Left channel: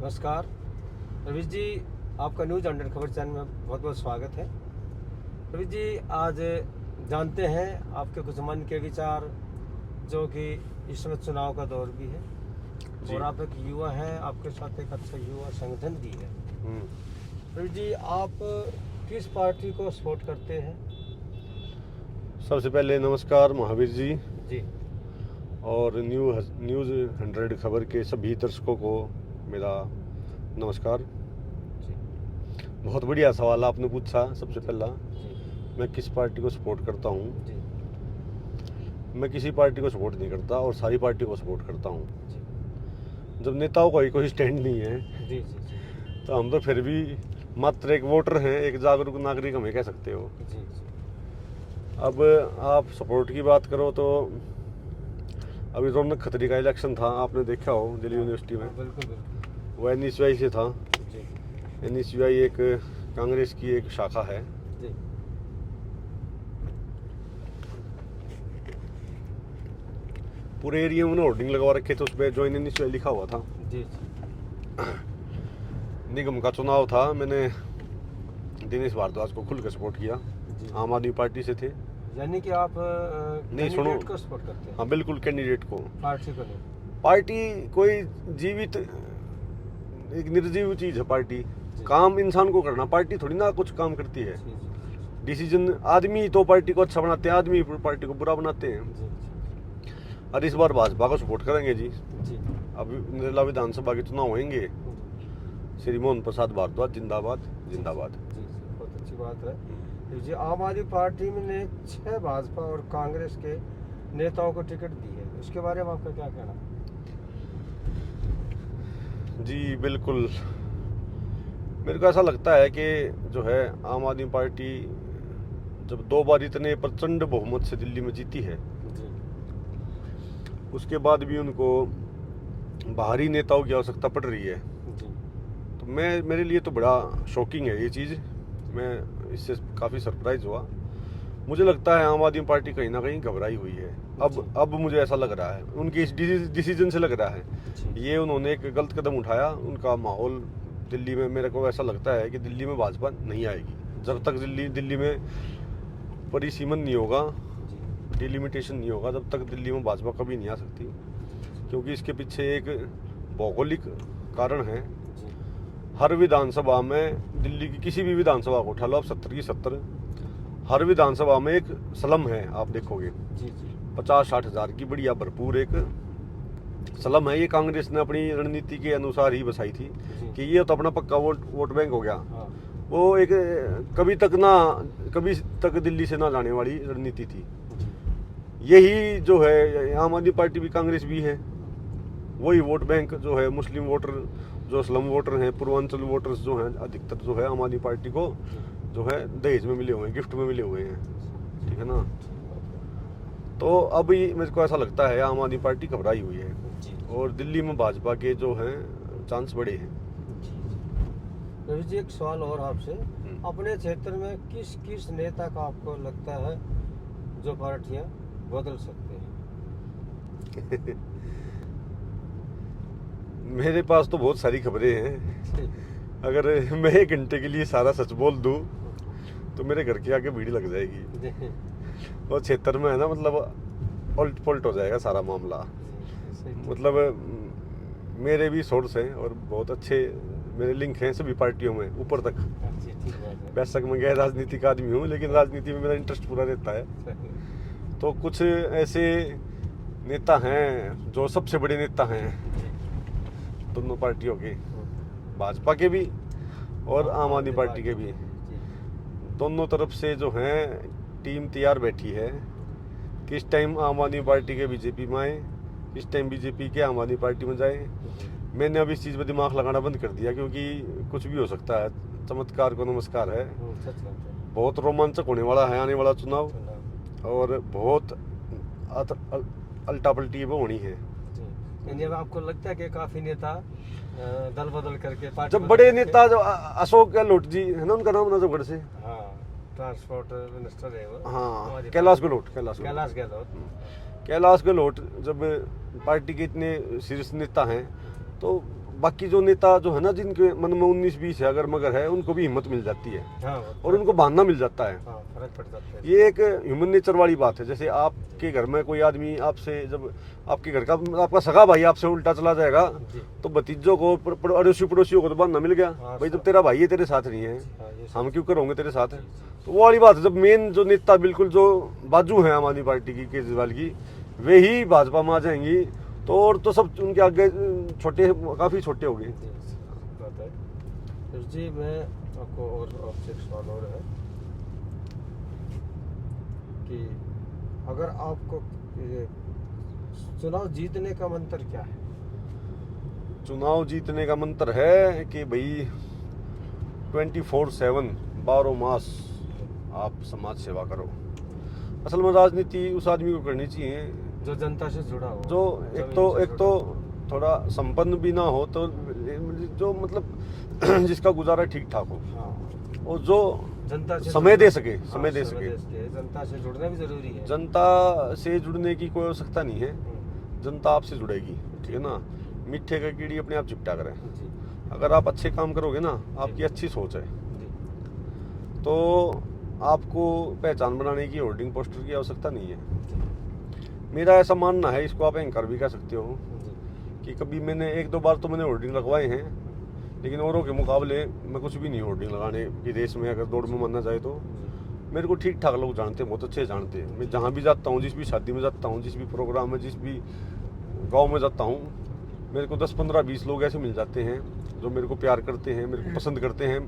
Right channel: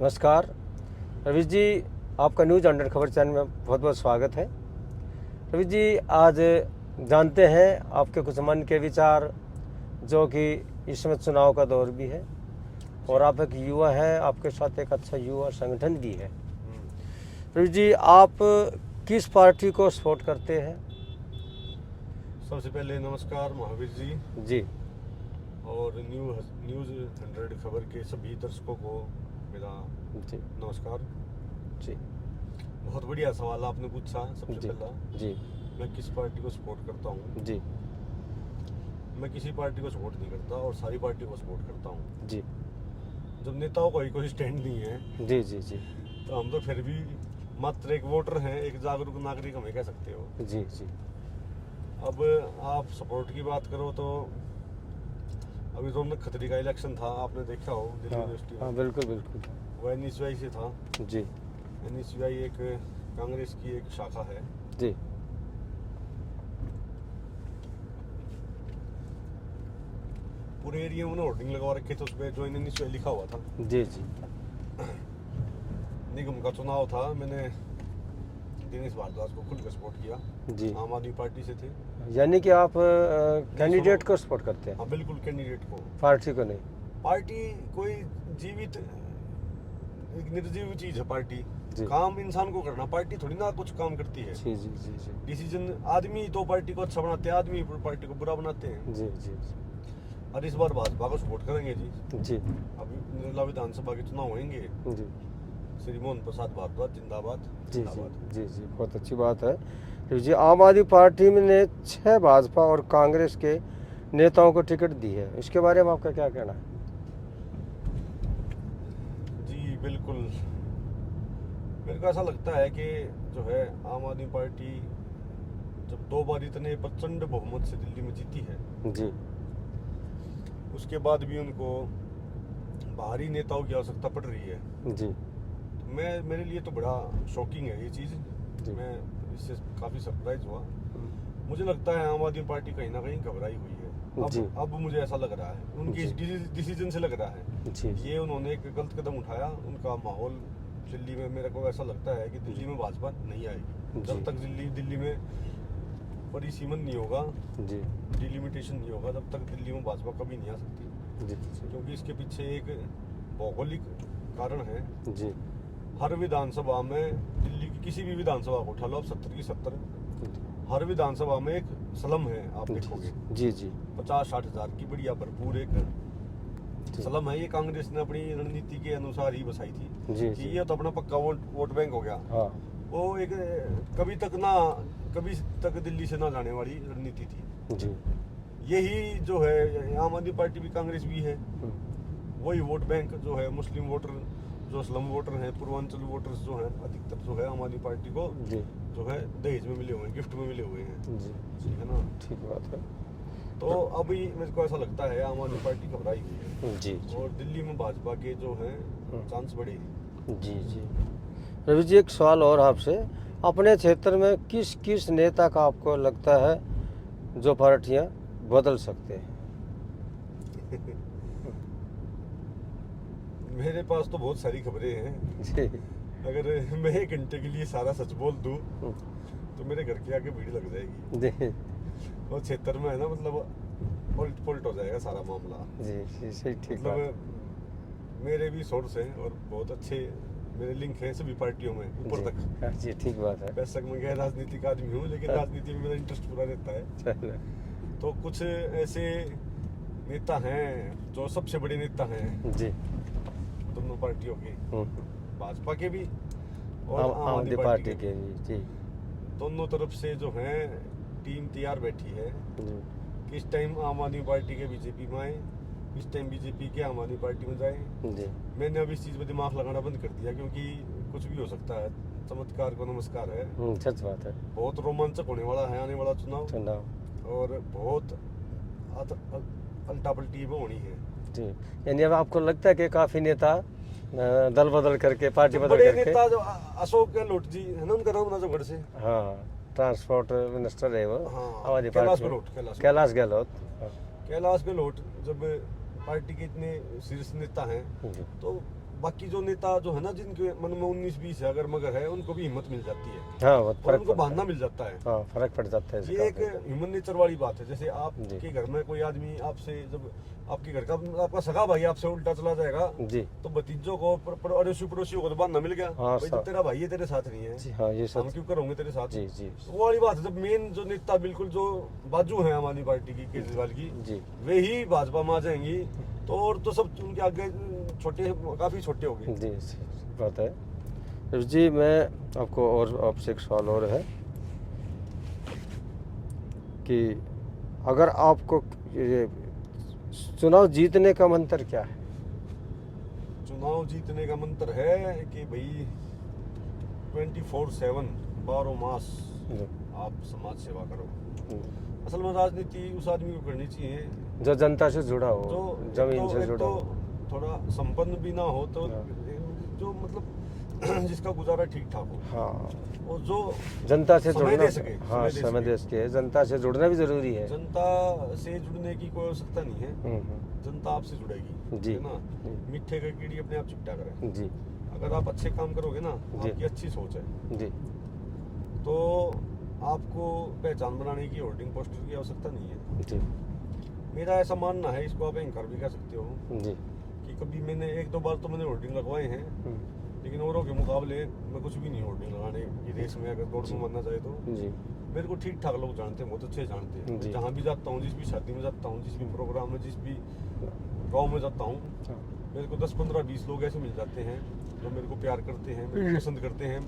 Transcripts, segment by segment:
नमस्कार रवीश जी, आपका न्यूज़ 100 खबर चैनल में बहुत बहुत स्वागत है। रवीश जी, आज जानते हैं आपके कुछ मन के विचार, जो कि इस समय चुनाव का दौर भी है और आप एक युवा हैं, आपके साथ एक अच्छा युवा संगठन भी है। रवीश जी, आप किस पार्टी को सपोर्ट करते हैं? सबसे पहले नमस्कार महावीर जी जी और न्यूज़ 100 खबर के सभी दर्शकों को मेरा जी नमस्कार। जी बहुत बढ़िया सवाल आपने पूछा। सबसे जी पहला, जी मैं किस पार्टी को सपोर्ट करता हूँ। जी मैं किसी पार्टी को सपोर्ट नहीं करता और सारी पार्टी को सपोर्ट करता हूँ। जी जब नेताओं का ही कोई स्टैंड नहीं है जी जी जी तो हम तो फिर भी मात्र एक वोटर हैं, एक जागरूक नागरिक हमें कह सकते हो। जी जी अब आप सपोर्ट की बात करो तो अभी रौनक खत्री का इलेक्शन था, आपने देखा हो दिल्ली यूनिवर्सिटी में। बिल्कुल बिल्कुल। वो NSUI से था। जी NSUI एक कांग्रेस की एक शाखा है। जी पूरे एरिया में होर्डिंग लगवा रखे थे, उस पर ज्वाइन NSUI लिखा हुआ था। जी जी निगम का चुनाव था, मैंने दिनेश भारद्वाज को खुल के सपोर्ट किया। जी। आम आदमी पार्टी से थे। यानी कि आप कैंडिडेट सुनो। को सपोर्ट करते हैं, हाँ बिल्कुल, कैंडिडेट को। पार्टी को नहीं? पार्टी कोई जीवित एक निर्जीव चीज है पार्टी। जी। काम इंसान को करना, पार्टी थोड़ी ना कुछ काम करती है। जी जी जी डिसीजन आदमी तो पार्टी को अच्छा बनाते हैं, आदमी पार्टी को बुरा बनाते हैं। जी जी और इस बार भाजपा को सपोर्ट करेंगे जी। जी अब निर्मला विधानसभा के चुनाव होंगे। जी श्री मोहन प्रसाद भारद्वाज जिंदाबाद जी जिंदाबाद। जी जी, बहुत अच्छी बात है। तो जी, आम आदमी पार्टी ने 6 भाजपा और कांग्रेस के नेताओं को टिकट दी है, इसके बारे में आपका क्या कहना है? जी बिल्कुल, मेरे को ऐसा लगता है कि जो है आम आदमी पार्टी जब 2 बार इतने प्रचंड बहुमत से दिल्ली में जीती है, जी उसके बाद भी उनको बाहरी नेताओं की आवश्यकता पड़ रही है। जी तो मेरे लिए तो बड़ा शॉकिंग है ये चीज़। मैं इससे काफ़ी सरप्राइज हुआ। मुझे लगता है आम आदमी पार्टी कहीं ना कहीं घबराई हुई है। जी। अब मुझे ऐसा लग रहा है, उनके इस डिसीजन से लग रहा है जी ये उन्होंने एक गलत कदम उठाया। उनका माहौल दिल्ली में, मेरे को ऐसा लगता है कि दिल्ली में भाजपा नहीं आएगी जब तक दिल्ली में परिसीमन नहीं होगा, जी डिलिमिटेशन नहीं होगा, तब तक दिल्ली में भाजपा कभी नहीं आ सकती। जी क्योंकि इसके पीछे एक भौगोलिक कारण है। जी हर विधानसभा में, दिल्ली की किसी भी विधानसभा को उठा लो आप, 70 की 70, हर विधानसभा में एक स्लम है। आप देखोगे जी जी 50-60 हज़ार की बढ़िया भरपूर एक स्लम है। ये कांग्रेस ने अपनी रणनीति के अनुसार ही बसाई थी जी कि ये तो अपना पक्का वोट बैंक हो गया। हाँ वो एक कभी तक दिल्ली से ना जाने वाली रणनीति थी। जी यही जो है आम आदमी पार्टी भी कांग्रेस भी है, वही वोट बैंक जो है मुस्लिम वोटर, जो स्लम वोटर हैं, पूर्वांचल वोटर्स जो हैं, अधिकतर जो है आम आदमी पार्टी को जी जो है दहेज में मिले हुए हैं, गिफ्ट में मिले हुए हैं। जी ठीक है ना। ठीक बात है। तो अब ये मेरे को ऐसा लगता है आम आदमी पार्टी घबराई हुई है जी और दिल्ली में भाजपा के जो हैं चांस बड़े हैं। जी जी रवि जी, एक सवाल और आपसे, अपने क्षेत्र में किस किस नेता का आपको लगता है जो पार्टियां बदल सकते हैं? मेरे पास तो बहुत सारी खबरें हैं। जी अगर मैं 1 घंटे के लिए सारा सच बोल दूं तो मेरे घर के आगे भीड़ लग जाएगी। जी और क्षेत्र में है ना, मतलब उल्ट पुलट हो जाएगा सारा मामला। जी जी, सही, ठीक मतलब बात। मेरे भी सोर्स हैं और बहुत अच्छे मेरे लिंक हैं सभी पार्टियों में ऊपर जी, तक। जी ठीक बात है। वैसे मैं गैर राजनीतिक आदमी हूँ, लेकिन राजनीति में मेरा इंटरेस्ट पूरा रहता है। तो कुछ ऐसे नेता हैं जो सबसे बड़े नेता हैं जी दोनों पार्टियों के, भाजपा के भी और आम आदमी पार्टी के भी। जी दोनों तरफ से जो हैं टीम तैयार बैठी है। जी किस टाइम आम आदमी पार्टी के बीजेपी में आए, किस टाइम बीजेपी के आम आदमी पार्टी में जाए। जी मैंने अब इस चीज़ पर दिमाग लगाना बंद कर दिया, क्योंकि कुछ भी हो सकता है। चमत्कार को नमस्कार है। सच बात है। बहुत रोमांचक होने वाला है आने वाला चुनाव, चुनाव और बहुत अल्टा पल्टी वो होनी है। जी, यानी अब आपको लगता है कि काफी नेता दल बदल करके, पार्टी जब बदल बड़े करके, नेता जो अशोक गहलोत जी है ना, उनका नाम नजफगढ़ से। हाँ, ट्रांसपोर्ट मिनिस्टर है वो। हाँ, हमारी कैलाश पार्टी में। गहलोत। कैलाश गहलोत। कैलाश गहलोत जब पार्टी के इतने शीर्ष नेता हैं जी तो बाकी जो नेता जो है ना, जिनके मन में 19-20 है अगर मगर है, उनको भी हिम्मत मिल जाती है हाँ और उनको बहाना मिल जाता है। हाँ फर्क पड़ जाता है ये इसका। एक ह्यूमन नेचर वाली बात है। जैसे आपके घर में कोई आदमी आपसे, जब आपके घर का आपका सगा भाई आपसे उल्टा चला जाएगा, जी तो भतीजों को अड़ोसी पड़ोसियों को तो बहाना मिल गया, हाँ, भाई जब सब। तेरा भाई है तेरे साथ नहीं है, जी हाँ ये हम सब। क्यों करोगे तेरे साथ। जी जी तो वो वाली बात है, जब मेन जो नेता बिल्कुल जो बाजू है आम आदमी पार्टी की, केजरीवाल की, जी वे ही भाजपा में आ जाएंगी तो और तो सब उनके आगे छोटे, काफी छोटे हो गए। जी बात है। रवि जी मैं आपको और आपसे एक सवाल और है कि अगर आपको ये चुनाव जीतने का मंत्र क्या है? चुनाव जीतने का मंत्र है कि भाई 24/7 12 मास आप समाज सेवा करो। असल में राजनीति उस आदमी को करनी चाहिए जो जनता से जुड़ा हो, जो जमीन से एक जुड़ा तो हो। थोड़ा संपन्न भी ना हो, तो जो मतलब जिसका गुजारा ठीक ठाक हो, हाँ और जो जनता से समय जुड़ना- दे सके, हाँ, समय दे समय सके। दे सके। जनता से जुड़ना भी जरूरी है। जनता से जुड़ने की कोई आवश्यकता नहीं है, जनता आपसे जुड़ेगी, जी। ठीक है ना। मीठे का कीड़ी अपने आप चिपटा करे। जी अगर आप अच्छे काम करोगे ना, आपकी अच्छी सोच है, जी तो आपको पहचान बनाने की, होर्डिंग पोस्टर की आवश्यकता नहीं है। जी मेरा ऐसा मानना है, इसको आप एंकर भी कह सकते हो, जी कि कभी मैंने 1-2 बार तो मैंने होर्डिंग लगवाए हैं, लेकिन औरों के मुकाबले मैं कुछ भी नहीं होर्डिंग लगाने की रेस में, अगर दौड़ में मानना चाहे तो। जी मेरे को ठीक ठाक लोग जानते हैं, बहुत अच्छे जानते हैं। मैं जी। जहाँ भी जाता हूँ, जिस भी शादी में जाता हूँ, जिस भी प्रोग्राम में, जिस भी गांव में जाता हूँ, मेरे को 10-15-20 लोग ऐसे मिल जाते हैं जो मेरे को प्यार करते हैं, मेरे को पसंद करते हैं,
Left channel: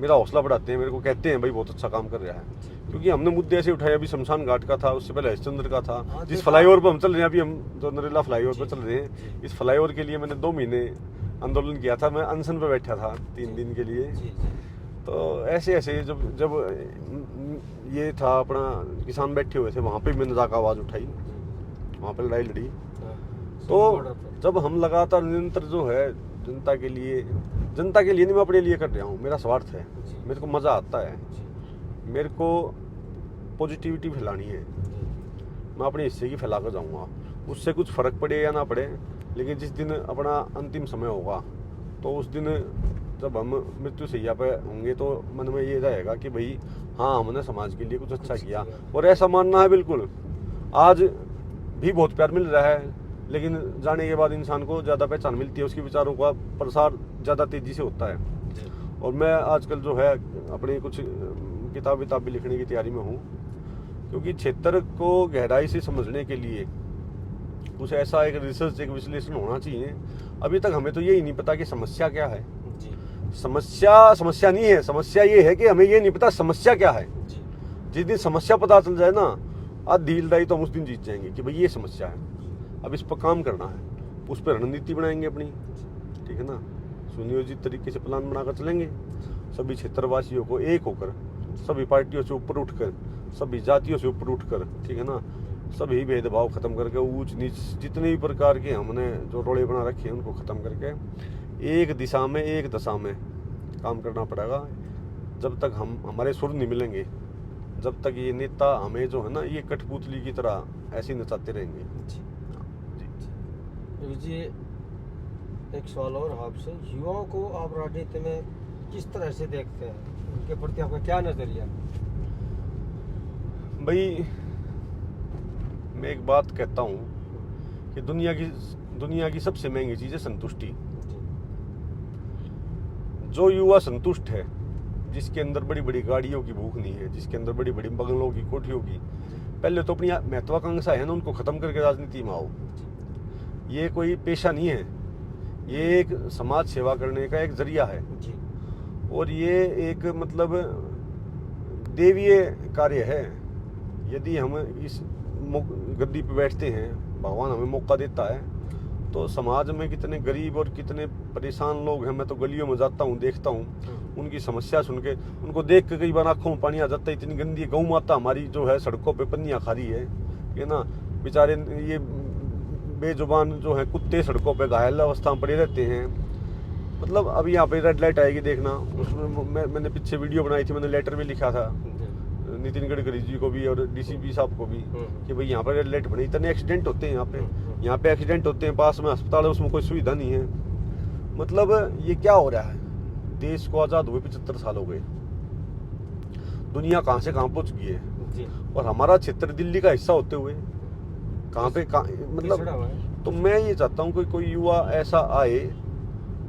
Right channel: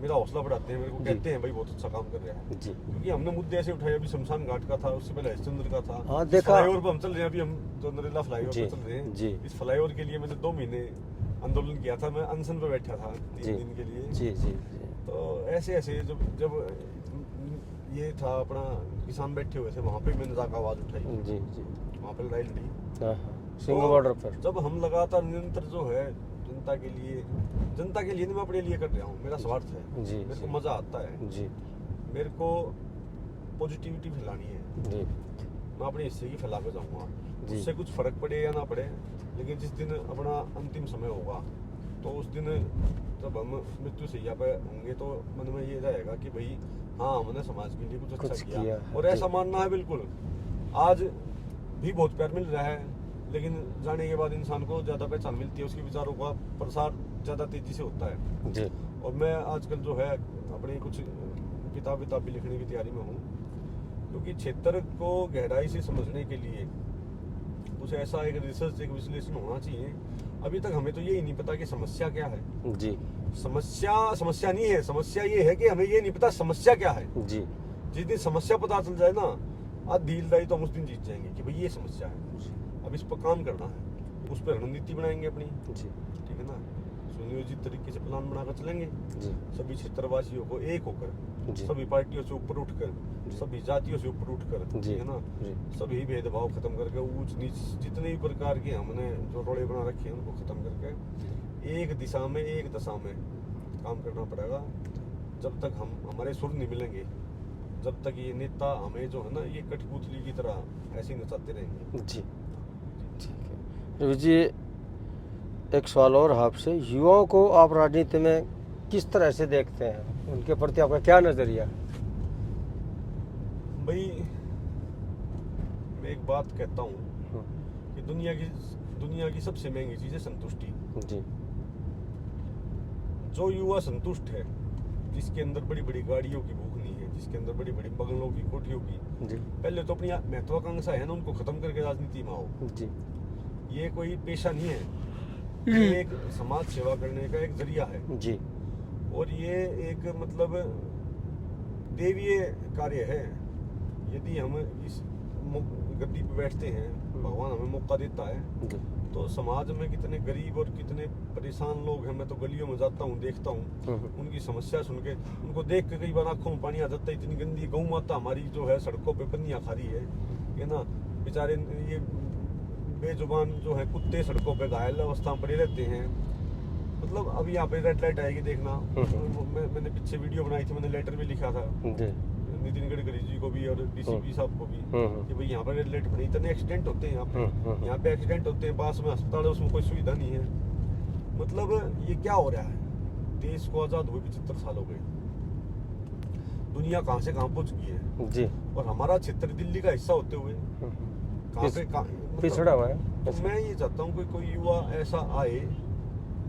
मेरा हौसला बढ़ाते हैं, मेरे को कहते हैं भाई बहुत अच्छा काम कर रहा है। जी क्योंकि हमने मुद्दे ऐसे उठाए, अभी शमशान घाट का था, उससे पहले हरिश्चंद्र का था, हाँ, जिस देखा। फ्लाईओवर पर हम चल रहे हैं अभी, हम जो नरेला फ्लाईओवर जी, पर चल रहे हैं, जी। इस फ्लाईओवर के लिए मैंने 2 महीने आंदोलन किया था। मैं अनशन पे बैठा था 3 जी। दिन के लिए। जी जी तो ऐसे ऐसे जब जब ये था अपना, किसान बैठे हुए थे, वहाँ पे मैंने जाकर आवाज़ उठाई, जी वहाँ पे लड़ाई लड़ी। हाँ, तो सीमा बॉर्डर पर। जब हम लगातार निरंतर जो है जनता के लिए नहीं, मैं अपने लिए कर रहा हूँ, मेरा स्वार्थ है, जी। मेरे को मज़ा आता है, जी मेरे को पॉजिटिविटी फैलानी है, जी मैं अपने हिस्से की फैला कर जाऊँगा। जी। उससे कुछ फर्क पड़े या ना पड़े, लेकिन जिस दिन अपना अंतिम समय होगा, तो उस दिन जब हम मृत्यु सैया पे होंगे, तो मन में ये रहेगा कि भाई हाँ, हमने समाज के लिए कुछ अच्छा कुछ किया। किया। और ऐसा मानना है बिल्कुल। आज भी बहुत प्यार मिल रहा है, लेकिन जाने के बाद इंसान को ज़्यादा पहचान मिलती है, उसके विचारों का प्रसार ज़्यादा तेज़ी से होता है। जी और मैं आजकल जो है अपनी कुछ किताब भी लिखने की तैयारी में हूँ, क्योंकि क्षेत्र को गहराई से समझने के लिए कुछ ऐसा एक रिसर्च, एक विश्लेषण होना चाहिए। अभी तक हमें तो यही नहीं पता कि समस्या क्या है। जी समस्या नहीं है, समस्या ये है कि हमें ये नहीं पता समस्या क्या है। जी जिस दिन समस्या पता चल जाए ना, आधी लड़ाई तो हम उस दिन जीत जाएंगे कि भाई ये समस्या है, अब इस पर काम करना है, उस पर रणनीति बनाएंगे अपनी, ठीक है ना, सुनियोजित तरीके से प्लान बनाकर चलेंगे, सभी क्षेत्रवासियों को एक होकर, सभी पार्टियों से ऊपर उठकर, सभी जातियों से ऊपर उठकर, ठीक है ना, सभी भेदभाव खत्म करके, ऊंच नीच जितने भी प्रकार के हमने जो रोड़े बना रखे हैं उनको खत्म करके एक दिशा में, एक दशा में काम करना पड़ेगा। जब तक हम हमारे सुर नहीं मिलेंगे, जब तक ये नेता हमें जो है ना, ये कठपुतली की तरह ऐसे नचाते रहेंगे। जी रवि जी एक सवाल और आपसे, युवाओं को आप राजनीति में किस तरह से देखते हैं, उनके प्रति आपका क्या नजरिया? भाई मैं एक बात कहता हूँ कि दुनिया की सबसे महंगी चीज़ है संतुष्टि। जी जो युवा संतुष्ट है, जिसके अंदर बड़ी बड़ी गाड़ियों की भूख नहीं है, जिसके अंदर बड़ी बड़ी बंगलों की, कोठियों की, जी पहले तो अपनी महत्वाकांक्षा है ना, उनको खत्म करके राजनीति में आओ। जी ये कोई पेशा नहीं है, ये एक समाज सेवा करने का एक जरिया है, जी और ये एक मतलब देवीय कार्य है। यदि हम इस गद्दी पे बैठते हैं, भगवान हमें मौका देता है, तो समाज में कितने गरीब और कितने परेशान लोग हैं। मैं तो गलियों में जाता हूँ, देखता हूँ, उनकी समस्या सुन के, उनको देख के कई बार आँखों में पानी आ जाता है। इतनी गंदी गौ माता हमारी जो है सड़कों पे पन्नियाँ खा रही है ना, बेचारे ये बेजुबान जो है कुत्ते सड़कों पे घायल अवस्था में पड़े रहते हैं। मतलब अभी यहाँ पे रेड लाइट आएगी देखना, मैंने पीछे वीडियो बनाई थी, मैंने लेटर भी लिखा था नितिन गडकरी जी को भी और डीसीपी साहब को भी कि भाई यहाँ पर रेड लाइट बनी, इतने एक्सीडेंट होते हैं यहाँ पे, यहाँ पे एक्सीडेंट होते हैं, पास में अस्पताल है, उसमें कोई सुविधा नहीं है। मतलब ये क्या हो रहा है, देश को आज़ाद हुए 75 साल हो गए, दुनिया कहाँ से कहाँ पहुँच गई है, जी। और हमारा क्षेत्र दिल्ली का हिस्सा होते हुए कहाँ पे पिछड़ा हुआ है। तो मैं ये चाहता हूँ कोई युवा ऐसा आए,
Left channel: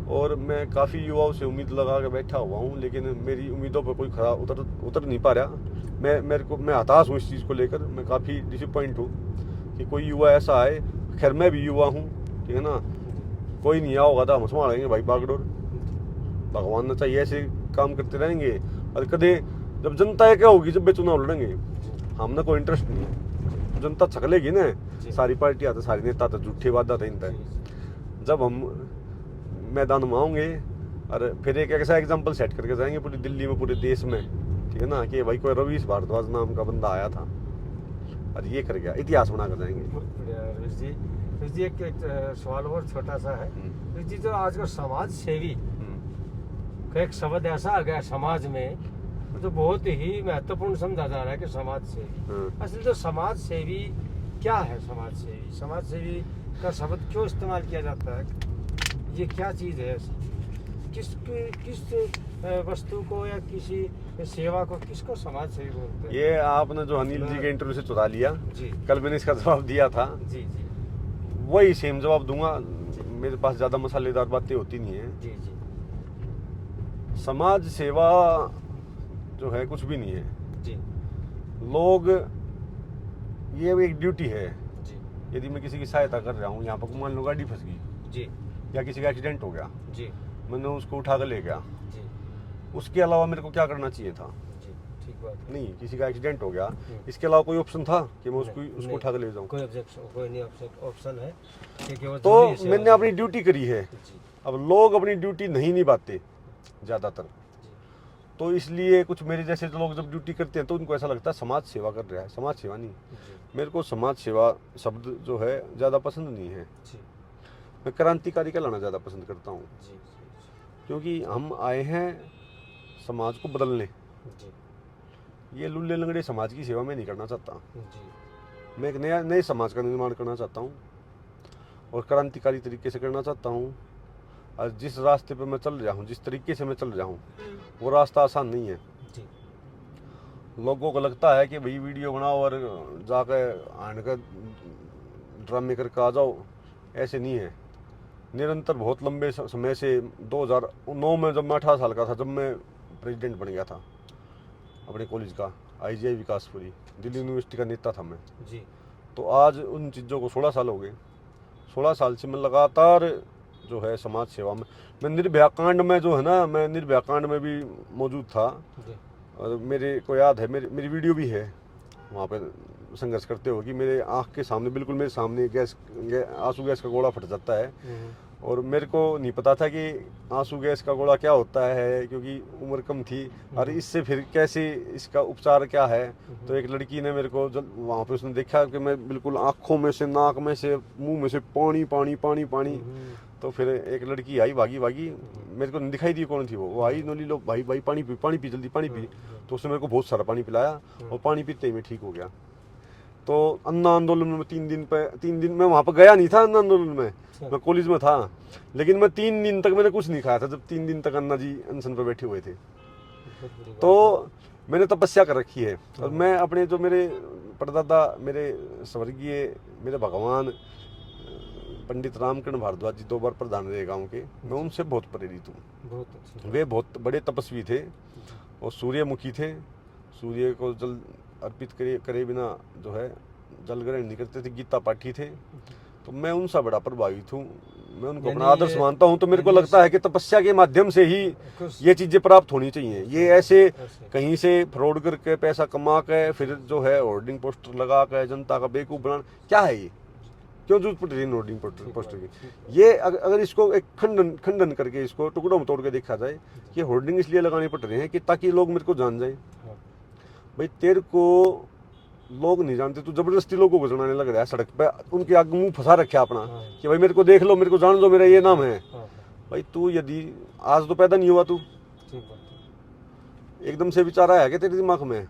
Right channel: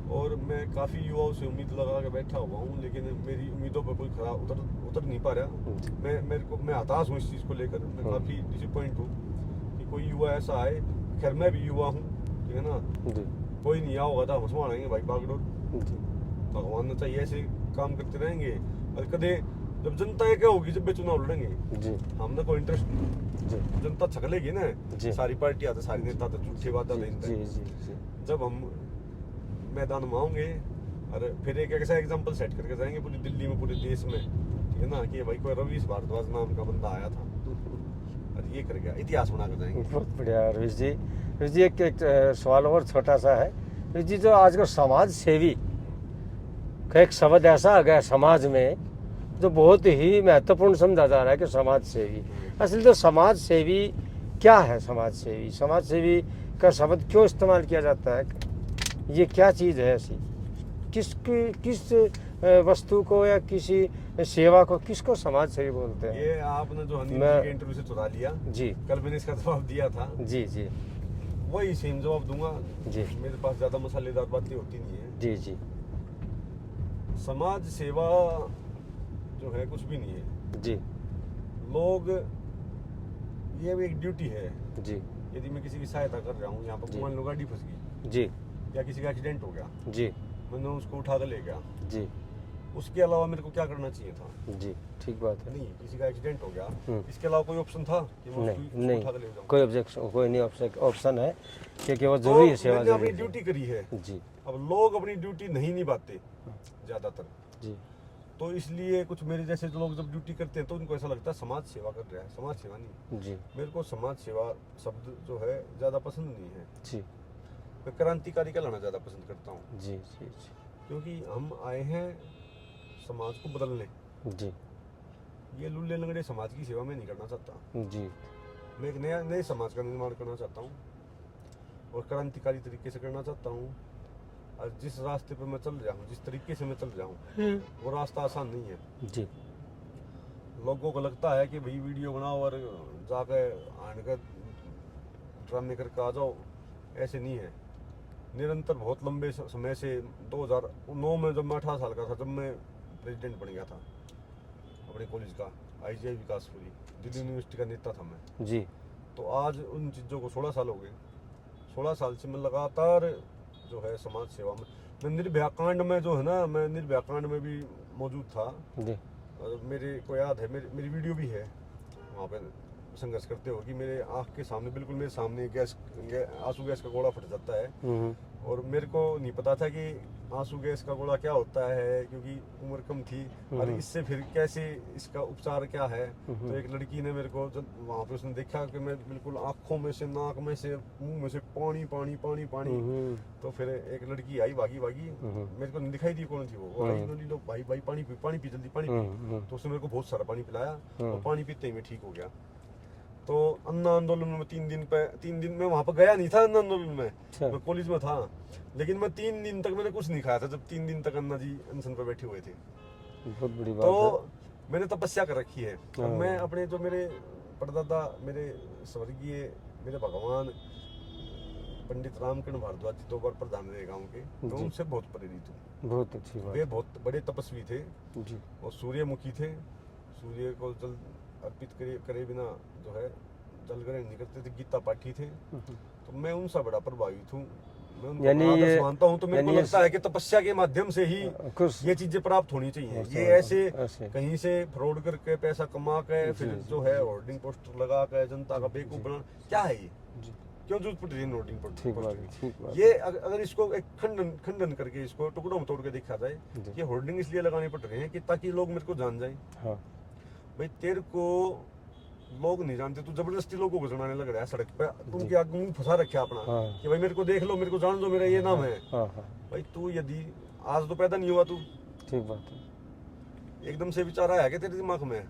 और मैं काफ़ी युवाओं से उम्मीद लगा के बैठा हुआ हूँ, लेकिन मेरी उम्मीदों पर कोई खरा उतर नहीं पा रहा। मैं हताश हूँ इस चीज़ को लेकर, मैं काफ़ी डिसअपॉइंट हूँ कि कोई युवा ऐसा आए। खैर मैं भी युवा हूँ, ठीक है ना, कोई नहीं होगा तो हम संभालेंगे भाई बागडोर, भगवान ने चाहिए ऐसे काम करते रहेंगे। और कदे जब जनता है क्या होगी, जब वे चुनाव लड़ेंगे, हमने कोई इंटरेस्ट नहीं, जनता छकलेगी ना, सारी पार्टियां तो सारी नेता तो झूठे वादा देता है। जब हम मैदान में आएंगे और फिर एक ऐसा एग्जाम्पल सेट करके जाएंगे पूरी दिल्ली में, पूरे देश में, ठीक है ना, कि भाई कोई रवीश भारद्वाज नाम का बंदा आया था और ये कर गया, इतिहास बना कर जाएंगे। बहुत बढ़िया रवीश जी। रवीश जी एक सवाल और छोटा सा है। रवीश जी, जो आज का समाज सेवी का एक शब्द ऐसा आ गया समाज में जो बहुत ही महत्वपूर्ण समझा जा रहा है कि समाज सेवी, असल तो समाज सेवी क्या है? समाज सेवी का शब्द क्यों इस्तेमाल किया जाता है? ये क्या चीज़ है ऐसी? किस वस्तु को या किसी सेवा को किसको समाज सेवी बोलते हैं? ये आपने जो अनिल जी के इंटरव्यू से चुरा लिया जी, कल मैंने इसका जवाब दिया था। जी जी वही सेम जवाब दूंगा जी। मेरे पास ज्यादा मसालेदार बातें होती नहीं है। जी जी समाज सेवा जो है कुछ भी नहीं है जी लोग, ये एक ड्यूटी है। जी यदि मैं किसी की सहायता कर रहा हूँ, यहाँ पर मान लो गाड़ी फंस गई जी या किसी का एक्सीडेंट हो गया, जी मैंने उसको उठा कर ले गया, जी उसके अलावा मेरे को क्या करना चाहिए था? जी, ठीक बात है। नहीं, किसी का एक्सीडेंट हो गया, इसके अलावा कोई ऑप्शन था कि मैं उसको नहीं, उठा कर ले जाऊँ? कोई ऑब्जेक्शन, कोई नहीं ऑप्शन है क्योंकि वो तो जरूरी है, सेवा मैंने अपनी जरूरी ड्यूटी करी है। जी अब लोग अपनी ड्यूटी नहीं निभाते ज़्यादातर, जी तो इसलिए कुछ मेरे जैसे लोग जब ड्यूटी करते हैं तो उनको ऐसा लगता है समाज सेवा कर रहा है। समाज सेवा नहीं, जी मेरे को समाज सेवा शब्द जो है ज़्यादा पसंद नहीं है। जी मैं क्रांतिकारी कहलाना ज़्यादा पसंद करता हूँ, जी जी क्योंकि हम आए हैं समाज को बदलने। जी ये लुल्ले लंगड़े समाज की सेवा मैं नहीं करना चाहता। जी मैं एक नए समाज का निर्माण करना चाहता हूँ और क्रांतिकारी तरीके से करना चाहता हूँ। और जिस रास्ते पे मैं चल रहा हूँ, जिस तरीके से मैं चल रहा हूँ, वो रास्ता आसान नहीं है। जी लोगों को लगता है कि भाई वीडियो बनाओ और जाकर आन कर ड्रामे करके आ जाओ, ऐसे नहीं है। निरंतर बहुत लंबे समय से 2009 में जब मैं 18 साल का था, जब मैं प्रेसिडेंट बन गया था अपने कॉलेज का, IGI विकासपुरी दिल्ली यूनिवर्सिटी का नेता था मैं। जी तो आज उन चीज़ों को 16 साल हो गए। 16 साल से मैं लगातार जो है समाज सेवा में, मैं निर्भया कांड में जो है ना, मैं निर्भया कांड में भी मौजूद था। जी और मेरे को याद है, मेरी वीडियो भी है वहाँ पे संघर्ष करते हुए कि मेरे आँख के सामने, बिल्कुल मेरे सामने आंसू गैस का गोला फट जाता है। और मेरे को नहीं पता था कि आंसू गैस का गोला क्या होता है, क्योंकि उम्र कम थी और इससे फिर कैसे इसका उपचार क्या है। तो एक लड़की ने मेरे को जब वहाँ पे उसने देखा कि मैं बिल्कुल आँखों में से, नाक में से, मुंह में से पानी पानी पानी पानी, तो फिर एक लड़की आई भागी भागी, मेरे को नहीं दिखाई दी कौन थी वो आई, नोली लो भाई भाई पानी पी जल्दी पानी पी। तो उसने मेरे को बहुत सारा पानी पिलाया और पानी पीते ही मैं ठीक हो गया। तो अन्ना आंदोलन में 3 दिन में वहाँ पर गया नहीं था। अन्ना आंदोलन में मैं कॉलेज में था, लेकिन मैं 3 दिन तक मैंने कुछ नहीं खाया था, जब 3 दिन तक अन्ना जी अनशन पर बैठे हुए थे। बहुत बड़ी बात तो है। मैंने तपस्या कर रखी है। और मैं अपने जो मेरे परदादा, मेरे स्वर्गीय, मेरे भगवान पंडित रामकिरण भारद्वाज जी 2 बार प्रधान रहे गाँव के, मैं उनसे बहुत प्रेरित हूँ। बहुत अच्छी वे बहुत बड़े तपस्वी थे और सूर्यमुखी थे। सूर्य को जल अर्पित करे बिना जो है जल ग्रहण नहीं करते थे, गीता पाठी थे। तो मैं उनसे बड़ा प्रभावित हूँ, मैं उनको अपना आदर्श मानता हूँ। तो मेरे को लगता है कि तपस्या के माध्यम से ही ये चीजें प्राप्त होनी चाहिए। ये ऐसे कहीं से फ्रॉड करके पैसा कमा के फिर जो है होर्डिंग पोस्टर लगा के जनता का बेवकूफ बनाना, क्या है ये? क्यों जरूरत पड़ रही है होर्डिंग पोस्टर की? ये अगर इसको एक खंडन करके इसको टुकड़ों में तोड़ के देखा जाए, ये होर्डिंग इसलिए लगाने पड़ रहे हैं कि ताकि लोग मेरे को जान जाए। भाई तेरे को लोग नहीं जानते, तू जबरदस्ती लोगों को जनाने लग रहा है सड़क पे, उनके आगे मुंह फंसा रखा अपना कि भाई मेरे को देख लो, मेरे को जान दो, मेरा ये नाम है। भाई तू यदि आज तो पैदा नहीं हुआ, तू ठीक बात है, एकदम से विचार आया क्या तेरे दिमाग में?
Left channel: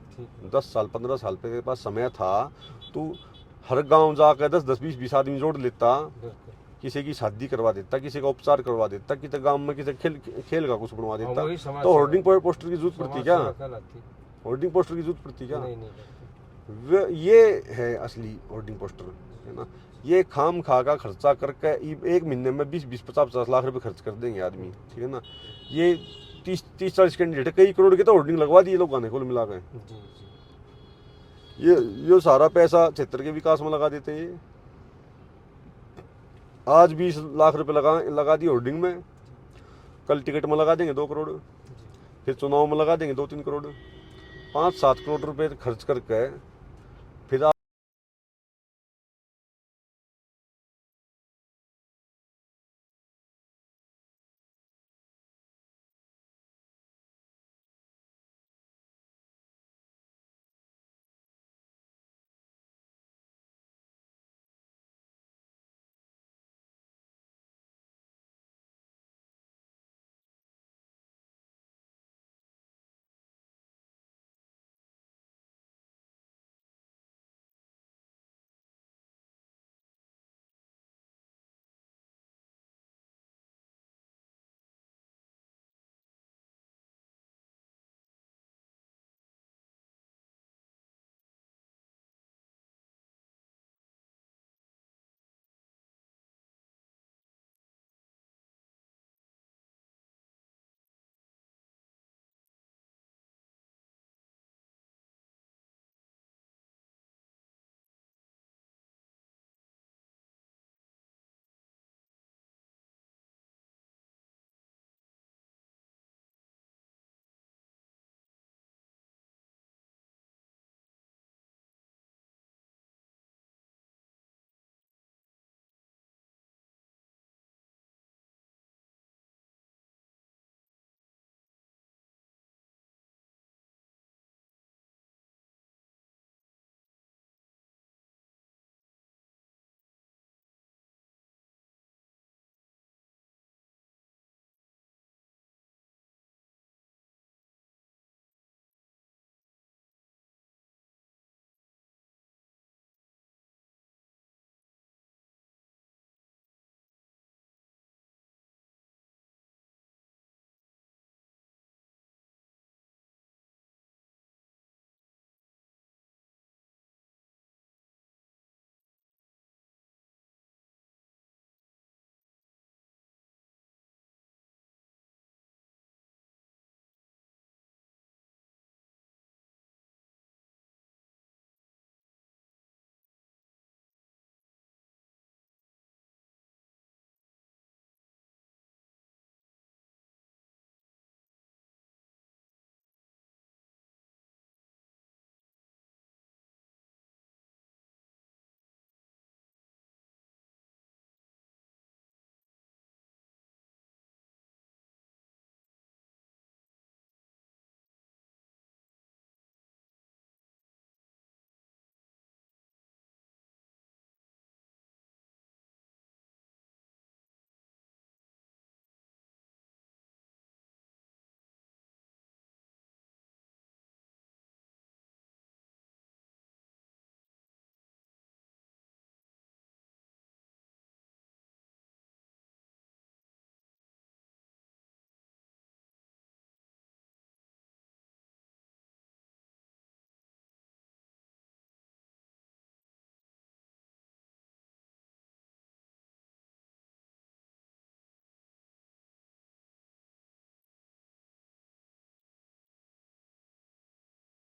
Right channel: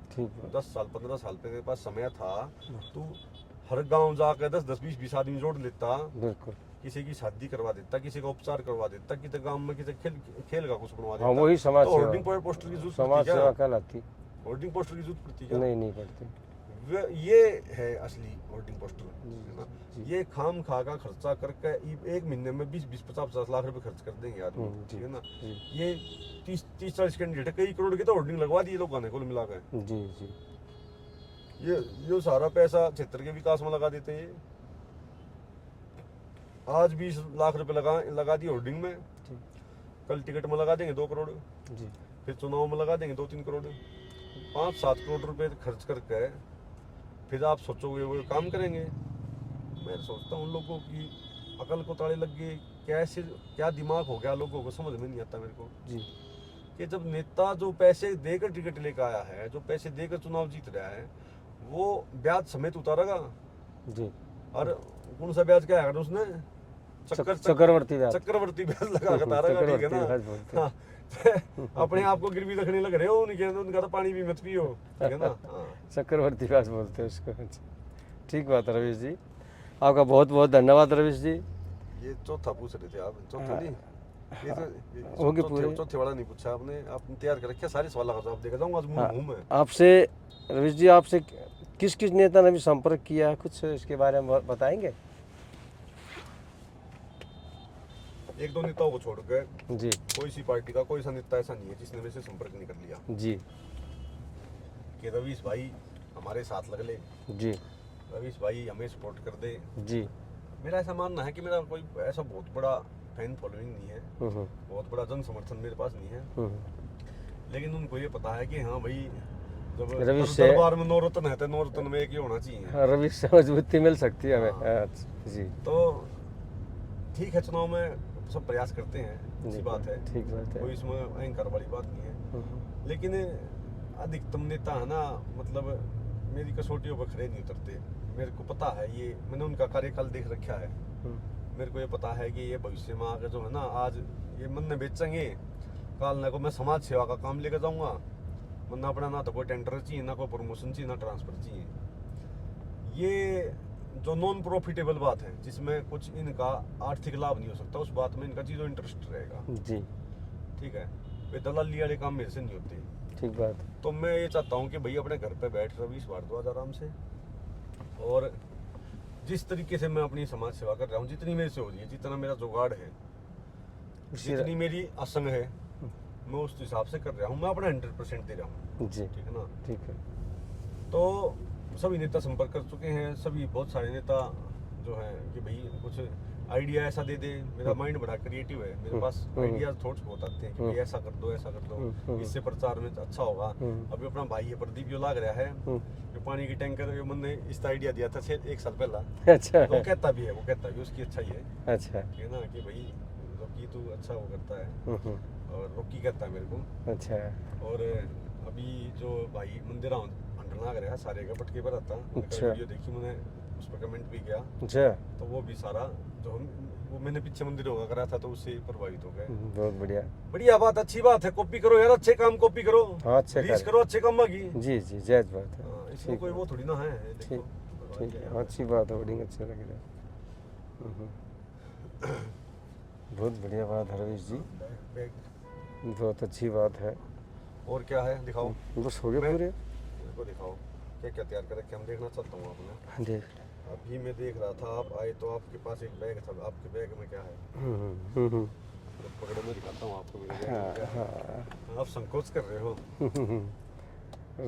10 साल 15 साल पे तेरे पास समय था, तू हर गांव जाकर 10-10 20-20 आदमी जोड़ लेता, किसी की शादी करवा देता, किसी का उपचार करवा देता, किसी गांव में किसी खेल खेल का कुछ बनवा हाँ, देता। वही समाज तो सेवा। होर्डिंग पोस्टर की जरूरत पड़ती समाज क्या? सेवा कहलाती। होर्डिंग पोस्टर की जरूरत पड़ती क्या? नहीं पड़ती। ये है असली होर्डिंग पोस्टर, है ना। ये खाम खा का खर्चा करके एक महीने में 20-50 लाख रुपए खर्च कर देंगे आदमी, ठीक है ना। ये 30-40 कैंडिडेट कई करोड़ के तो होर्डिंग लगवा दिए लोगों ने कुल मिला के। जी जी। ये सारा पैसा क्षेत्र के विकास में लगा देते हैं। आज 20 लाख रुपए लगा दिए होर्डिंग में, कल टिकट में लगा देंगे 2 करोड़, फिर चुनाव में लगा देंगे 2-3 करोड़, 5-7 करोड़ रुपए खर्च करके फिर आप सोचोगे वो काम करेंगे। मैं सोचता हूँ लोगों की अकल को ताले लग गए, कैसे क्या दिमाग हो गया लोगों को समझ में नहीं आता मेरे को जी। कि जब नेता जो पैसे देकर टिकट लेकर आया है, जो पैसे देकर चुनाव जीत रहा है, वो ब्याज समेत उतारेगा जी। और कौन सा ब्याज क्या है उसने चक्रवर्ती ब्याज लगा के उतारेगा, ठीक है ना। हाँ, अपने आप को गिरवी रखने लग रहे हो उनका तो पानी भी मत पियो, ठीक है ना। चक्रवर्ती ब्याज बोलते हैं उसको। ठीक बात है रवीश जी, आपका बहुत बहुत धन्यवाद रवीश जी। ये चौथा पूछ रहे थे आप, चौथा नहीं, ये तो हो गए पूरे। चौथे वाला नहीं पूछा आपने, आपने तैयार कर रखा सारे सवाल का जवाब देगा जाऊंगा आज मुंह में। आपसे रवीश जी, आपसे किस किस नेता ने भी संपर्क किया है, कुछ इसके बारे में बताएंगे? एक दो नेताओं को छोड़ कर जी। कोई सी पार्टी का कोई सा नेता ऐसा नहीं है जिसने मेरे से संपर्क नहीं कर लिया जी। कि रवीश भाई हमारे साथ लग ले, जी। रवीश भाई हमें सपोर्ट कर दे। जी। मेरा ऐसा मानना है कि मेरा कोई ऐसा बहुत बड़ा फैन फॉलोइंग नहीं है, बहुत बड़ा जन समर्थन मेरे पास नहीं है, लेकिन उनको ये पता है कि हाँ भाई जब दरबार में 9 रत्न है तो 9 रत्न में एक ही होना चाहिए। रवीश से मजबूती मिल सकती है हमें। जी। तो ठीक है, चुनाव में सब प्रयास करते हैं, अच्छी बात है, ठीक बात है, कोई इसमें अहंकार वाली बात नहीं है, लेकिन अधिकतम नेता है ना, मतलब मेरी कसौटियों पर खड़े नहीं उतरते। मेरे को पता है, ये मैंने उनका कार्यकाल देख रखा है, मेरे को ये पता है कि ये भविष्य में आगे जो है ना, आज ये मन में बेचेंगे, काल ना को मैं समाज सेवा का काम लेकर जाऊंगा, वरना अपना ना तो कोई टेंडर चाहिए, ना कोई प्रमोशन चाहिए, ना ट्रांसफर चाहिए। ये जो नॉन प्रॉफिटेबल बात है, जिसमें कुछ इनका आर्थिक लाभ नहीं हो सकता, उस बात में इनका जीरो इंटरेस्ट रहेगा। जी। ठीक है, वे दलाली वाले काम मेरे से नहीं होते। ठीक बात। तो मैं ये चाहता हूँ कि भाई अपने घर पे बैठ रवीश भारद्वाज आराम से, और जिस तरीके से मैं अपनी समाज सेवा कर रहा हूँ, जितनी मेरे से हो रही है, जितना मेरा जुगाड़ है, जितनी मेरी असंग है, मैं उस हिसाब से कर रहा हूँ, मैं अपना 100% दे रहा हूँ। जी। ठीक है ना। ठीक है। तो सभी नेता संपर्क कर चुके हैं, सभी बहुत सारे नेता जो है कि भाई कुछ आइडिया ऐसा दे दे, मेरा माइंड बड़ा क्रिएटिव है, मेरे पास आइडियाज थॉट्स बहुत आते हैं कि भाई ऐसा कर दो, ऐसा कर दो, इससे प्रचार में अच्छा होगा। अभी अपना भाई है प्रदीप जो लाग रहा है, जो पानी की टैंकर, जो मैंने इसका आइडिया दिया था 1 साल पहला। अच्छा। वो कहता भी है उसकी अच्छा ही है। अच्छा। ठीक है ना, कि भाई रोकी तू अच्छा वो करता है, और रोकी कहता है मेरे को। अच्छा। और अभी जो भाई मंदिर लाग रहा है सारे का पटके पर आता, वीडियो देखी मैंने, उस पर कमेंट भी किया। अच्छा। तो वो भी सारा जो वो मैंने पीछे मंदिर होगा करा था, तो उससे प्रभावित हो गए। बहुत बढ़िया, बढ़िया बात, अच्छी बात है। कॉपी करो यार, अच्छे काम कॉपी करो, रीच करो, अच्छे काम की। जी जी, जायज बात है, इसमें कोई वो थोड़ी ना है। ठीक है, अच्छी बात है, वर्डिंग अच्छा लग रहा है। बहुत बढ़िया बात है रवीश जी, बहुत अच्छी बात है। और क्या है, दिखाओ। बस हो गया पूरे, को दिखाओ क्या क्या तैयार कर रखे, हम देखना चाहता हूँ आपने। देख, अभी मैं देख रहा था, आप आए तो आपके पास एक बैग था, आपके बैग में क्या है? पकड़ो, मैं दिखाता हूँ आपको मेरे बैग में क्या है। आप संकोच कर रहे हो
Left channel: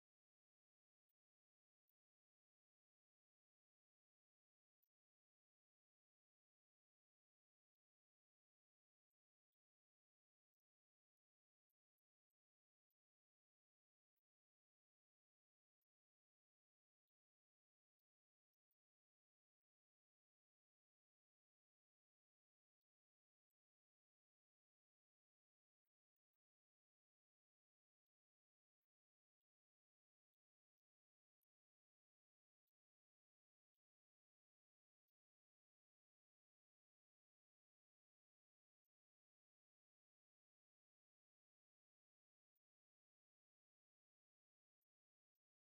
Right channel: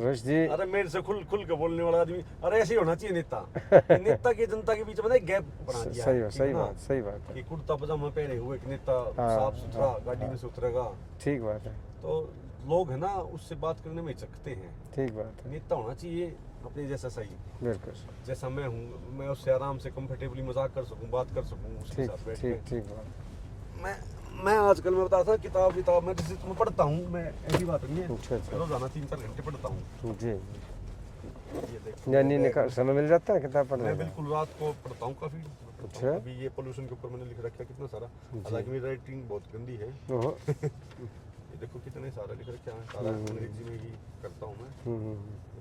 रश जी। अरे मेरे से खुल के बोलने वाला आदमी, अरे ऐसे ही होना चाहिए नेता। नेता की जनता के बीच में एक गैप बना दिया। सही बात है। कुर्ता पजामा पहने हुए एक नेता साफ सुथरा गाड़ी में से उतरेगा। ठीक बात है। तो लोग है ना, उससे बात करने में हिचकते हैं। ठीक बात है। नेता होना चाहिए अपने जैसा सही, बिल्कुल जैसा मैं हूँ, मैं उससे आराम से कंफर्टेबली मजाक कर सकूँ, बात कर सकूँ उसके साथ बैठ के। ठीक बात। मैं आजकल मैं बताता किताब मैं जैसे मैं पढ़ता हूँ, मैं ऐसी बात नहीं है। अच्छा। रोजाना 3-4 घंटे पढ़ता हूँ। जी। यानी समय मिल जाता है किताब पढ़ने? मैं बिल्कुल रात को पढ़ता हूँ काफी। अच्छा। अभी ये पोल्यूशन के ऊपर मैंने लिख रखा है कितना सारा, हालांकि मेरी राइटिंग बहुत गंदी है। ये देखो कितने सारा लिख रखा है, सारा अंग्रेजी में ही करता हूँ मैं।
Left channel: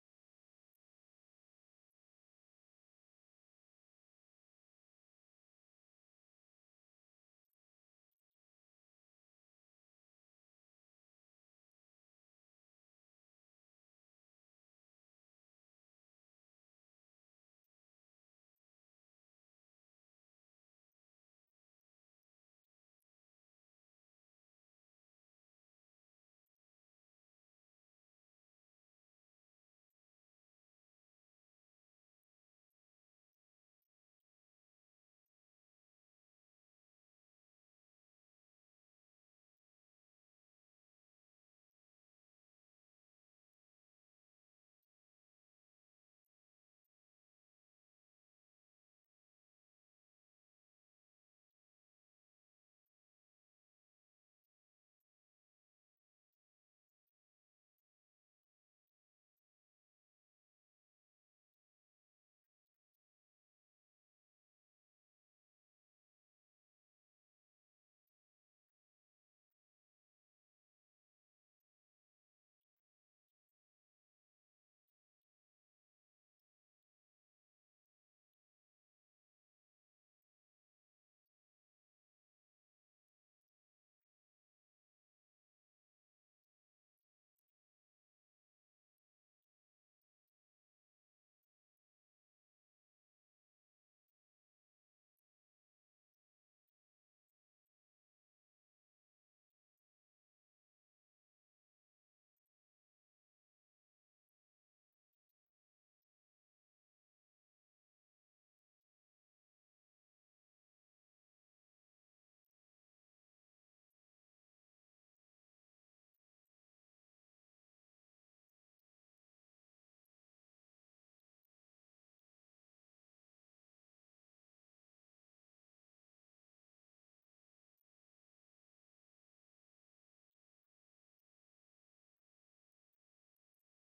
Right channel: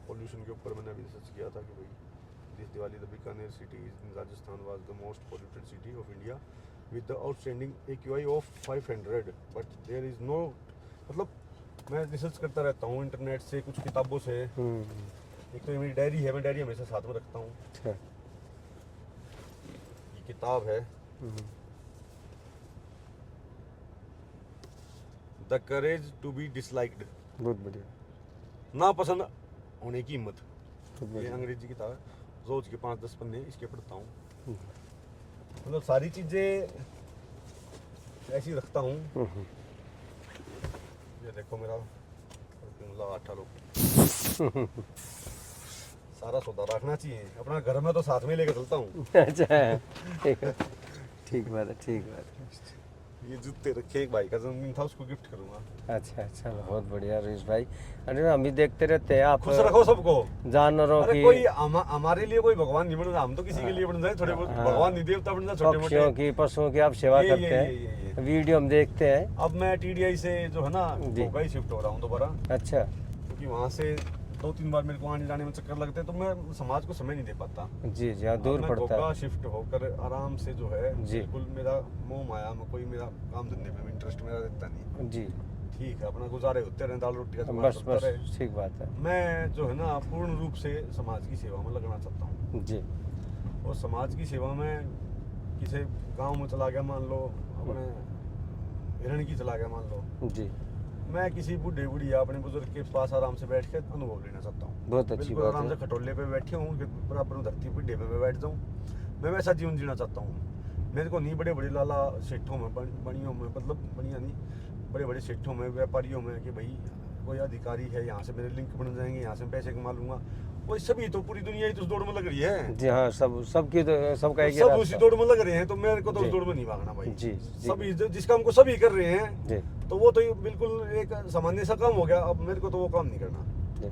पोल्यूशन के ऊपर मैंने अभी रिसर्च किया था कि भाई this Diwali, the Bikaner city in Rajasthan was the most polluted city of India with the outstanding AQI of 500. But there is no, मतलब मैं रिसर्च करता रहता हूँ इंटरनेट से, कुछ किताबों से। एक तो ये मेरी डायरी है, मैं डायरी हमेशा साथ में रखता हूँ। अच्छा। ये किताब है the courage to be disliked, बहुत बढ़िया। ना पसंद होने की हिम्मत। बहुत ये बढ़िया। अंग्रेजी किताब है, रोज के 5-10 पन्ने इसके पढ़ता हूँ। मतलब सारी चीजें ऐसी रखता हूँ। ये देखो मेरा आटा लो। सारा सौदा रखना चाहिए अपना घर में, तो साथ में लेकर चलता हूँ। अच्छा, ठीक है, ठीक बात है, ठीक बात है। ये जूते रखे, एक भाई का जन्मदिन था, उसको गिफ्ट करूंगा। अच्छा अच्छा, बहुत बढ़िया रईस भाई। अरे हम भी देखते रहते हैं आप खुश रखो सबको। जानवरों अरे की, कोई हमारे लिए कोई भगवान नहीं बन रहा, हम तो किसी के लिए बन जाए थोड़े बहुत। हाँ। भगवान नहीं, देवता बन जाए छोटे पक्षियों मोटे। की, पशुओं की आप सेवा ये करते हैं, वीडियो हम देखते हैं। अब मैं टीडीआई से जो है ना जी। भोपाल शिफ्ट हो रहा हूँ दोबारा, अच्छा क्योंकि वहाँ से 2-3 बार मेरे को आने जाने में चक्कर लगते हैं, तो मैं समाज को समय नहीं दे पाता। जी जी, हाँ अब दूर मैं पड़ता गोगा है। शिफ्ट होकर आराम से जो है, जी। बिल्कुल मेरा मोह माया में कोई मेरा काम धंधे में इंटरेस्ट मेरा रहता नहीं। जी, ठीक है, अपना गुजारे होते रहे, दाल रोटी का जुगाड़ बस चलता बस, रहे। ठीक बात है। मैं जो है ना पूर्ण रूप से समाज की सेवा में लगना चाहता हूँ। जी और समाज की सेवा में किसी गांव में चला गया मान लो, अपने हिरण की चला गया मान लो, जी, मैं किसी बूढ़े बुढ़िया अपने बुजुर्ग के पास आराम से बैठ के अनुभव लेना चाहता हूँ। बहुत अच्छी बिल्कुल बात आराम है। से खटोले पे बैठे हूँ, उनके बराबर में धरती बुढ़े पे मैं बैठ जाऊँ, मैं वैसा जीवन जीना चाहता हूँ। मेरे को नहीं बड़े बड़े लाला सेठों में, बनियों में, मतलब बनिया नहीं, बड़े बड़े सेठों में, व्यापारियों में, कि भाई कोई अधिकारी है, यहाँ से मेरे लिंक बन जाएंगे, यहाँ से पैसे कमा लूंगा। कोई सभी तो पूरी दुनिया ही तो उस दौड़ में लग रही है। जी हाँ, सबकी तो सबका एक ही सब रास्ता। उसी दौड़ में लग रहे हैं, तो मेरे को तो जी। उस दौड़ में नहीं भागना भाई। जी जी सभी जिस काम को सभी कर रहे हैं, जी तो वो तो ये बिल्कुल एक सामान्य सा काम हो गया। अब मेरे को तो वो काम नहीं करना। जी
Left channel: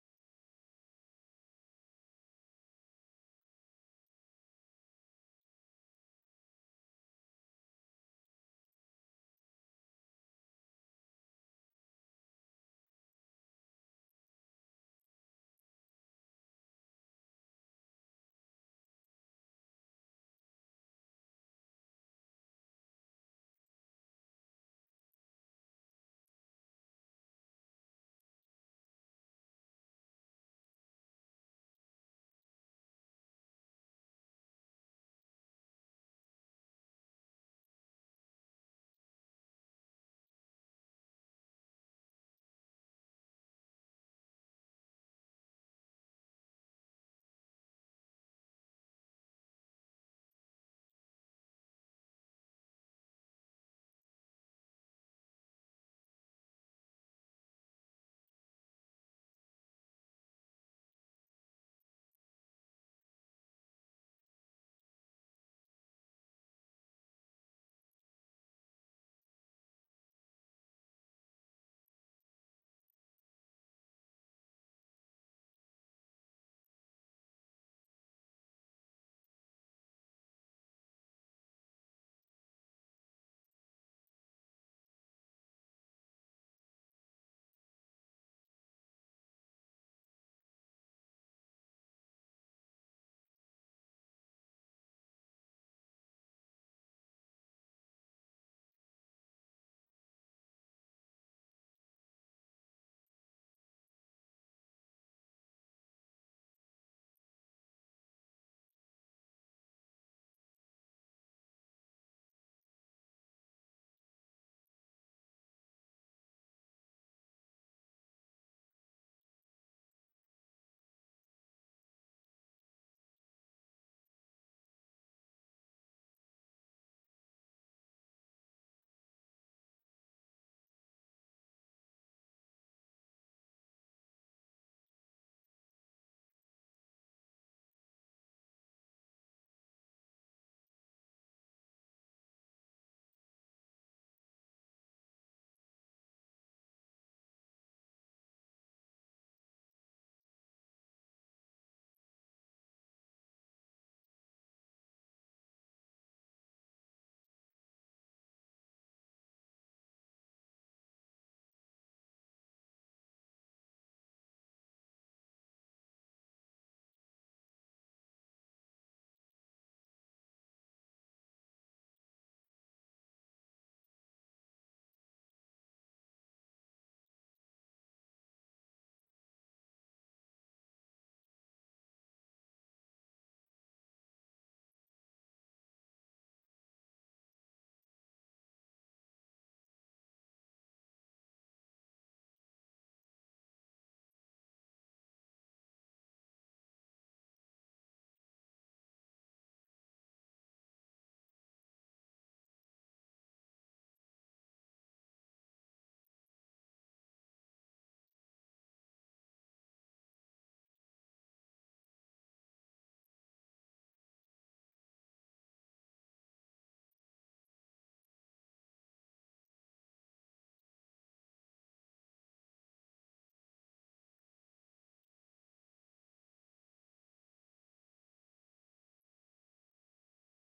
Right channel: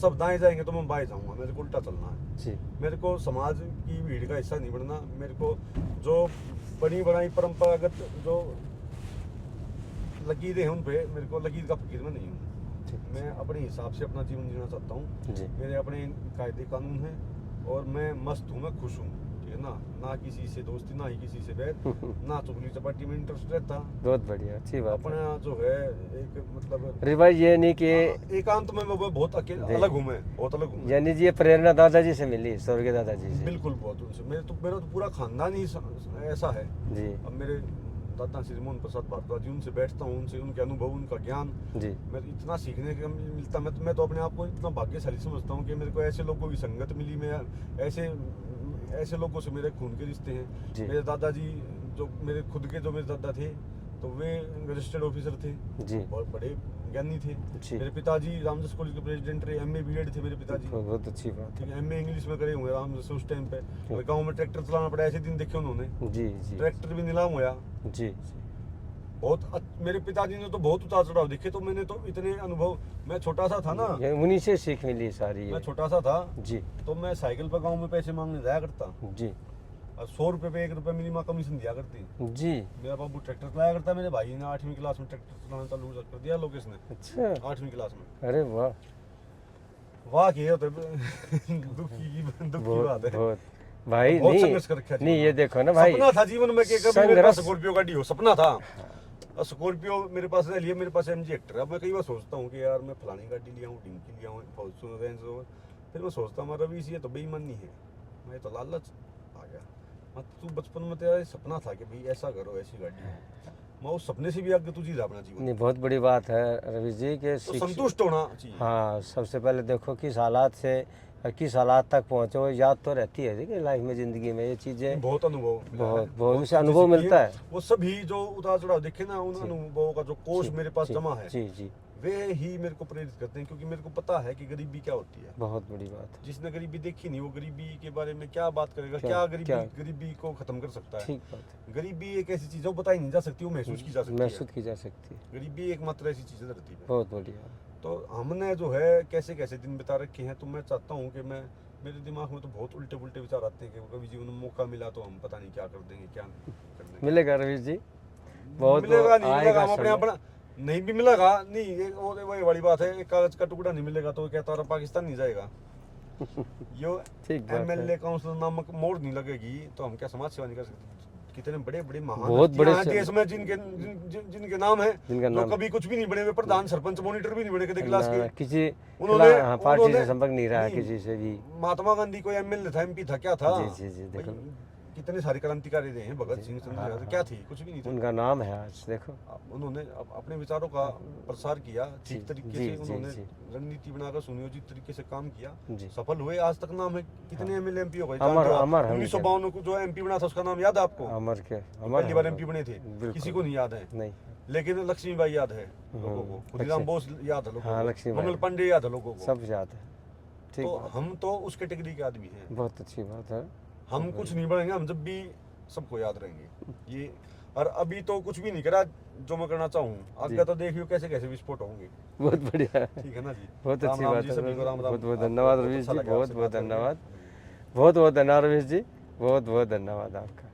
सब दाएं जाएंगे तो मैं बाएं जाऊंगा, मेरे को उल्टा चलना है। जी, मेरे को समाज की भीड़ का हिस्सा नहीं बनना। मेरे को जो बनी बनाई परंपरागत जो लकीरें हैं, उन पे मेरे को लकीर का फकीर में नहीं हूँ। ठीक। मैं अपने हिसाब से अपना जीवन जीना चाहता हूँ। जी मेरे अपने कायदे कानून हैं और मैं मस्त हूँ, मैं खुश हूँ, ठीक है ना। ना किसी से दोस्ती, ना ही किसी से बैर, ना चुगली चपाटी में इंटरेस्ट रहता। बहुत बढ़िया, अच्छी बात है। अपना जो है एक मतलब अरे भाई, ये नहीं कि एकांत में मैं बहुत अकेला जी। अलग हूँ, मैं बहुत अलग हूँ। यानी जी ये प्रेरणा दादाजी से मिली, स्वर्गीय दादाजी से। बिल्कुल बहुत उनसे मेरा तो पूरा खानदान ही ऐसा है। जी अब मेरे दादा श्री मोहन प्रसाद भारद्वाज जी, उनसे बैठता हूँ, उनसे उनके अनुभव, उनका ज्ञान, जी मैं इतना सीखने का मिलता। मैं तो अपने आप को इतना भाग्यशाली समझता हूँ कि मेरे को ऐसे लोगों की संगत मिली। मैं ऐसे लोगों से मेरे खून के रिश्ते हैं। जी मेरे दादाजी जो मेरे खुद के जो मेरे दादा थे, तो वे रजिस्टर्ड ऑफिसर थे, जी बहुत बड़े ज्ञानी थे। जी, मेरे पिताजी रामदास कॉलेज के प्रेसिडेंट रहे, एमए बीएड थे मेरे पिताजी। बहुत अच्छी बात ठीक है, एमए इंग्लिश में करे हुए रामदास उस टाइम पे। और गाँव में ट्रैक्टर चलाना पड़ा, ऐसे दिन देखे उन्होंने। है। जी जी ट्रैक्टर भी नीलाम होया। जी बहुत मेरे पिताजी ने तो बहुत उतार चढ़ाव देखे, तो मैंने तो इतने अनुभव। मैं छोटा सा था ना, ये उन्हीं से सीख मिली सारी मैं ये। छोटा सा था, जी तो मैं साइकिल पर गाँव में पैसे मांगने जाया करता। जी और 100 रुपये पे 1 रुपये मेरी माँ कमीशन दिया करती। जी, मेरा बाबू ट्रैक्टर चलाया करता, मेरे भाई ने 8वीं क्लास में ट्रैक्टर चलाना चालू कर दिया, लोकेश ने अच्छा, 8वीं क्लास में। अरे वाह, वाह की होते दुख की बात बहुत है। बहुत भाई। बहुत नहीं संघर्ष कर रखा है नहीं, जीवन ये में। देखो ना भाई, सपना था जीवन में कि कभी मेरे पास संघर्ष। स्कॉर्पियो गाड़ी हो, सपना था। और स्कॉर्पियो मेरे पास रह लिया, मेरे पास एमजी हेक्टर है। अब मैं कई बार सोचता हूँ कि यार मैं फलानी गाड़ी लिया हूँ, डिंकी लिया हूँ, फॉर्च्यूनर, रेंज रोवर। फिर मैं सोचता हूँ रवि ये तो बेईमानी है, मैं तो लालच आ गया। मत तू बचपन में तेरा सपना था कि भाई ऐसा करो, ऐसी गाड़ी हो, मैं उस सपने से भी आगे तू जी रहा अपना जीवन। नहीं, बहुत बड़ी बात है रवि जी के तो संतुष्ट होना चाहिए। हाँ, सबसे पहले देखो किस हालात से किस हालात तक पहुँचे, वो याद तो रहती है कि लाइफ में, ज़िंदगी में ये चीज़ें बहुत अनुभव मिला है, बहुत उनसे चीजें अनुभव सीखी हैं। मिलता है। वो सभी जो उतार चढ़ाव देखे ना, उन जी। अनुभवों का जो कोष जी, मेरे पास जी, जमा है, जी जी, वे ही मेरे को प्रेरित करते हैं। क्योंकि मेरे को पता है कि गरीबी क्या होती है। बहुत बड़ी बात है। जिसने गरीबी देखी नहीं, वो गरीबी के बारे में क्या बात करेगा, क्या- क्या क्या? गरीबी को खत्म कर सकता है। ठीक बात है, गरीबी एक ऐसी चीज है, वो बताई नहीं जा सकती, वो महसूस की जा सकती है। महसूस की जा सकती है। गरीबी एकमात्र ऐसी चीज है धरती पे। बहुत बढ़िया। तो हमने जो है कैसे कैसे दिन बिता रखे हैं, तो मैं चाहता हूँ कि मेरे दिमाग में तो बहुत उल्टे पुल्टे विचार आते हैं कि कभी जीवन में मौका मिला तो हम पता नहीं क्या कर देंगे, क्या कर देंगे। मिलेगा रवि जी, बहुत मिलेगा नहीं आएगा मिलेगा, हम अपने समय। अपना नहीं भी मिलेगा नहीं, वही बड़ी बात है। एक कागज का टुकड़ा नहीं मिलेगा तो क्या तारा पाकिस्तान नहीं जाएगा। यो ठीक बात है। एमएलए काउंसिलर नामक मोड़ नहीं लगेगी तो हम क्या समाज सेवा नहीं कर सकते? कितने बड़े बड़े महान बहुत बड़े हस्तियां हैं देश में जिनके नाम है, जिनका जो नाम कभी कुछ भी नहीं बने हुए, प्रधान सरपंच मॉनिटर भी नहीं बने कभी क्लास के। किसी उन्होंने- हाँ, पार्टी से उन्होंने- संपर्क नहीं रहा नहीं, किसी से भी। महात्मा गांधी कोई एमएलए था, एमपी था, क्या था? जी, देखो। भाई, कितने सारे क्रांतिकारी रहे हैं, भगत सिंह, चंद्रशेखर आजाद, क्या थी? कुछ भी नहीं थे। उनका नाम है आज देखो। उन्होंने अपने विचारों का प्रसार किया, ठीक जी, तरीके जी, से जी, उन्होंने जी। रणनीति बनाकर सुनियोजित तरीके से काम किया, जी। सफल हुए, आज तक नाम है। कितने एमएलए एमपी हो गए? अमर है 1952 को जो एमपी बना था उसका नाम याद है आपको? अमर के पहली बार एमपी बने थे, बिल्कुल। किसी को नहीं याद है। नहीं। लेकिन लक्ष्मीबाई याद है लोगों को, खुदीराम बोस याद है लोगों हाँ, को, लक्ष्मीबाई। मंगल पांडे याद है लोगों को। सब याद है। ठीक तो बात। हम तो उस कैटेगरी के आदमी हैं। बहुत अच्छी बात है। हम कुछ नहीं बढ़ेंगे, हम जब भी सबको याद रहेंगे ये। और अभी तो कुछ भी नहीं करा जो मैं करना चाहूँ, आगे तो देखियो कैसे कैसे विस्फोट होंगे। बहुत बढ़िया। ठीक है ना जी? बहुत राम अच्छी राम बात जी, है। सभी को राम राम। बहुत बहुत आपको धन्यवाद बहुत रवीश अच्छा जी, लगा बहुत आपसे बहुत बात करके। धन्यवाद। बहुत बहुत धन्यवाद रवीश जी, बहुत बहुत धन्यवाद आपका।